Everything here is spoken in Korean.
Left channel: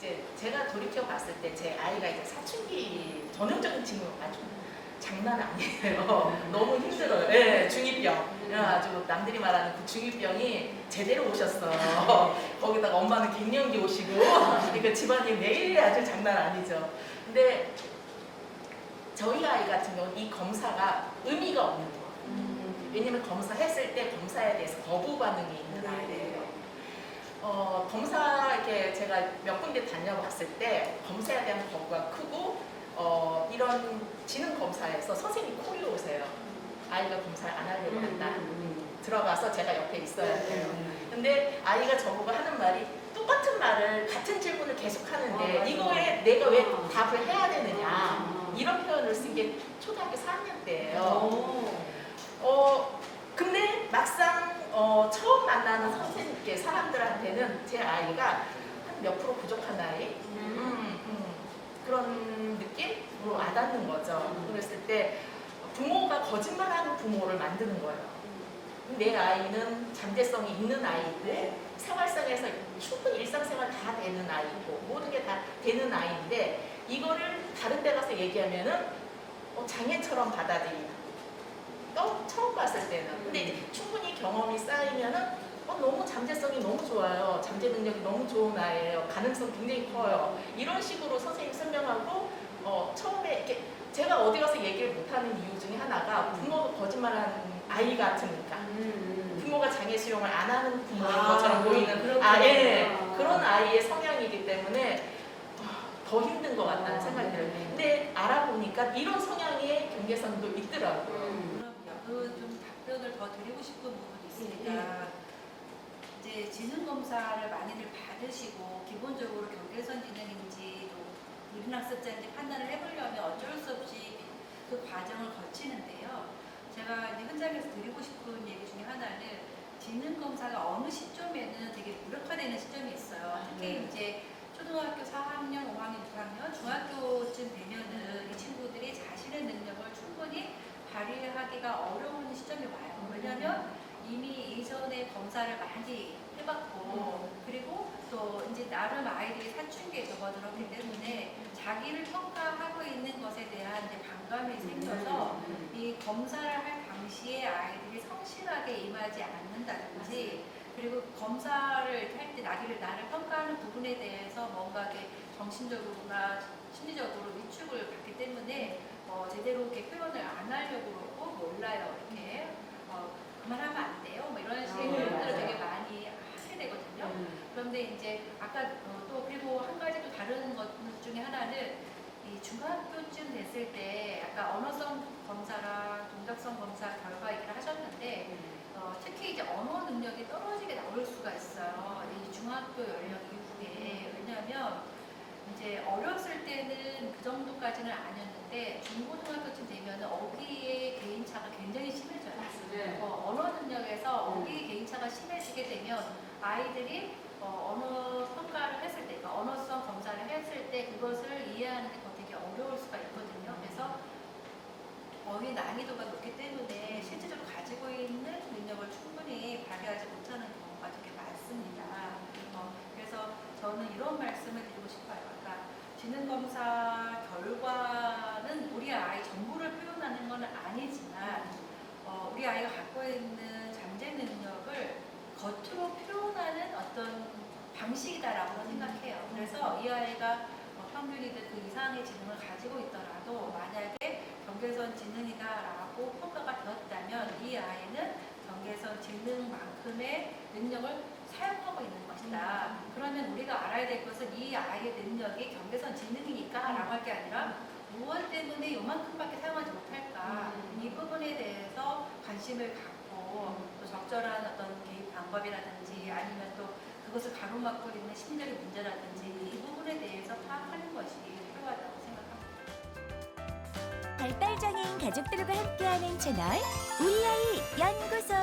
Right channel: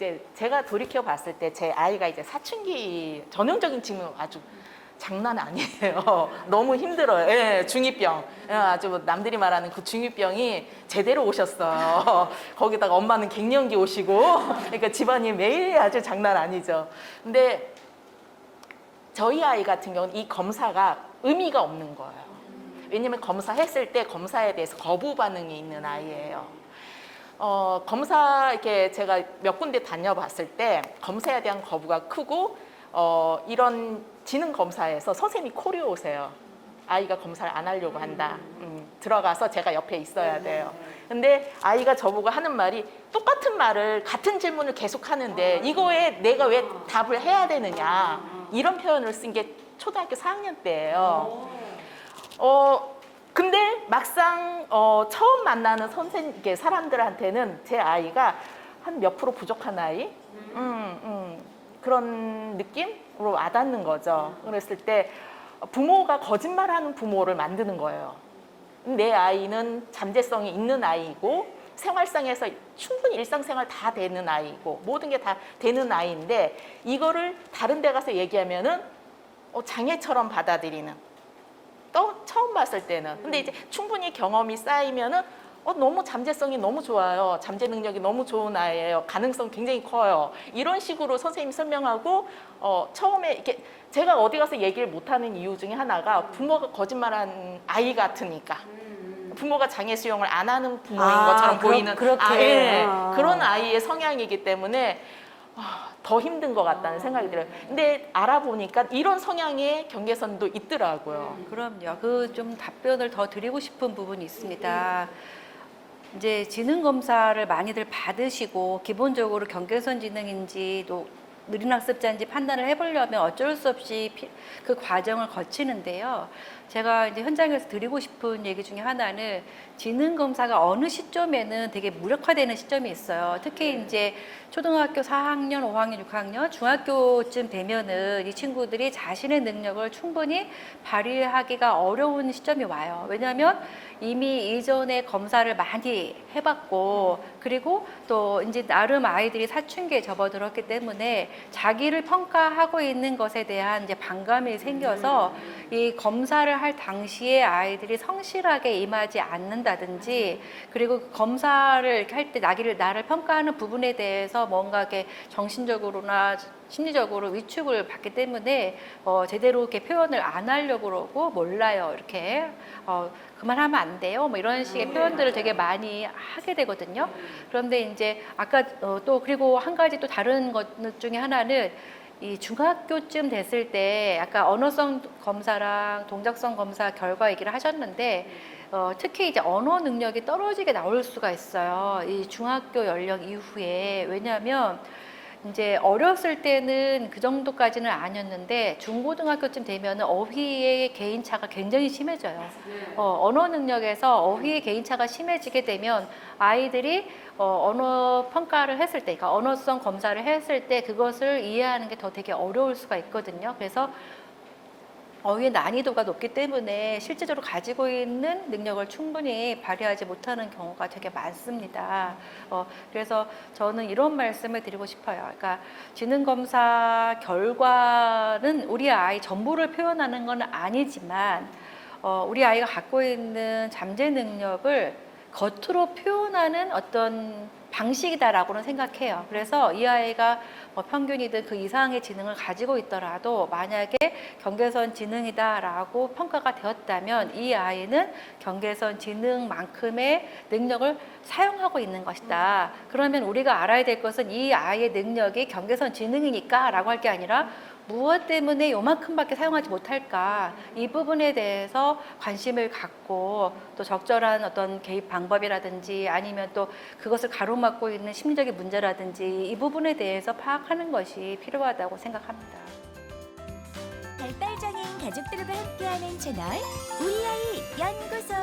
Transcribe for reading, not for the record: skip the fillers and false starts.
이제 제가 돌이켜 봤을 때 제 아이가 이제 사춘기 전형적인 징후 아주 장난 아니에요. 너무 힘들어요. 예, 중2병. 예, 아주 남들이 말하는 그 중2병이 제대로 오셨어요. 거기다가 엄마는 갱년기 오시고, 그러니까 집안이 매일 아주 장난 아니죠. 근데 저희 아이 같은 경우는 이 검사가 의미가 없는 거예요. 왜냐면 검사했을 때 검사에 대해서 거부 반응이 있는 아이예요. 검사 이렇게 제가 몇 군데 다녀봤을 때 검사에 대한 거부가 크고 이런 지능 검사에서 선생님이 코리오 오세요. 아이가 검사를 안 하려고 한다. 들어가서 제가 옆에 있어야 돼요. 근데 아이가 저보고 하는 말이 똑같은 말을 같은 질문을 계속 하는데 이거에 내가 왜 답을 해야 되느냐 이런 표현을 쓴 게 초등학교 4학년 때예요. 근데 막상 처음 만나는 선생님, 이렇게 사람들한테는 제 아이가 한 몇 프로 부족한 아이? 그런 느낌으로 와닿는 거죠. 그랬을 때 부모가 거짓말하는 부모를 만드는 거예요. 내 아이는 잠재성이 있는 아이고 생활상에서 충분히 일상생활 다 되는 아이고 모든 게 다 되는 아이인데 이거를 다른 데 가서 얘기하면은 장애처럼 받아들이는. 또 처음 봤을 때는. 근데 이제 충분히 경험이 쌓이면은 너무 잠재성이 너무 좋아요. 잠재 능력이 너무 좋은 아이예요. 가능성 굉장히 커요. 이런 식으로 선생님이 설명하고 처음에 이렇게 제가 어디 가서 얘기를 못하는 이유 중에 하나가 부모가 거짓말하는 아이 같으니까. 부모가 장애 수용을 안 하는 부모인 것처럼 보이는 그런 아이의 성향이기 때문에 더 힘든 것 같다는 생각이 들어요. 근데 알아보니까 이런 성향의 경계선도 있더라고요. 그럼요. 그 좀 답변을 더 드리고 싶은 부분이 있습니다. 이제 지능 검사를 많이들 받으시고 기본적으로 경계선 지능인지 또 느린 학습자인지 판단을 해보려면 어쩔 수 없이 그 과정을 거치는데요. 제가 이제 현장에서 드리고 싶은 얘기 중에 하나는 지능 검사가 어느 시점에는 되게 무력화되는 시점이 있어요. 특히 이제 초등학교 4학년, 5학년, 6학년, 중학교쯤 되면은 이 친구들이 자신의 능력을 충분히 발휘하기가 어려운 시점이 와요. 왜냐하면 이미 이전에 검사를 많이 해봤고, 그리고 또 이제 나름 아이들이 사춘기에 접어들었기 때문에 자기를 평가하고 있는 것에 대한 이제 반감이 생겨서 이 검사를 할 당시에 아이들이 성실하게 임하지 않는다든지, 그리고 검사를 이렇게 할 때 나를 평가하는 부분에 대해서 뭔가 이렇게 정신적으로나 심리적으로 위축을 받기 때문에 제대로 이렇게 표현을 안 하려고 그러고 몰라요. 이렇게 그만하면 안 돼요. 뭐 이런 식의 표현들을 되게 많이 하게 되거든요. 그런데 이제 아까 또 그리고 한 가지 또 다른 것 중에 하나는 이 중학교쯤 됐을 때 아까 언어성 검사랑 동작성 검사 결과 얘기를 하셨는데 특히 이제 언어 능력이 떨어지게 나올 수가 있어요. 이 중학교 연령 이후에. 왜냐하면 이제 어렸을 때는 그 정도까지는 아니었는데 중고등학교쯤 되면 어휘의 개인차가 굉장히 심해져요. 언어 능력에서 어휘의 개인차가 심해지게 되면 아이들이 언어 평가를 했을 때, 그러니까 언어성 검사를 했을 때 그것을 이해하는 게 더 되게 어려울 수가 있거든요. 그래서 어휘의 난이도가 높기 때문에 실제적으로 가지고 있는 능력을 충분히 발휘하지 못하는 경우가 되게 많습니다. 그래서 저는 이런 말씀을 드리고 싶어요. 그러니까 지능검사 결과는 우리 아이 전부를 표현하는 건 아니지만 우리 아이가 갖고 있는 잠재 능력을 겉으로 표현하는 어떤 방식이다라고는 생각해요. 그래서 이 아이가 평균이든 그 이상의 지능을 가지고 있더라도 만약에 경계선 지능이다라고 평가가 되었다면 이 아이는 경계선 지능만큼의 능력을 사용하고 있는 것이다. 그러면 우리가 알아야 될 것은 이 아이의 능력이 경계선 지능이니까 라고 할 게 아니라 무엇 때문에 요만큼밖에 사용하지 못할까, 이 부분에 대해서 관심을 갖고 또 적절한 어떤 개입 방법이라든지 아니면 또 그것을 가로막고 있는 심리적인 문제라든지 이 부분에 대해서 파악하는 것이 필요하다고 생각합니다. 발달장애인 가족들과 함께하는 채널 우리 아이 연구소.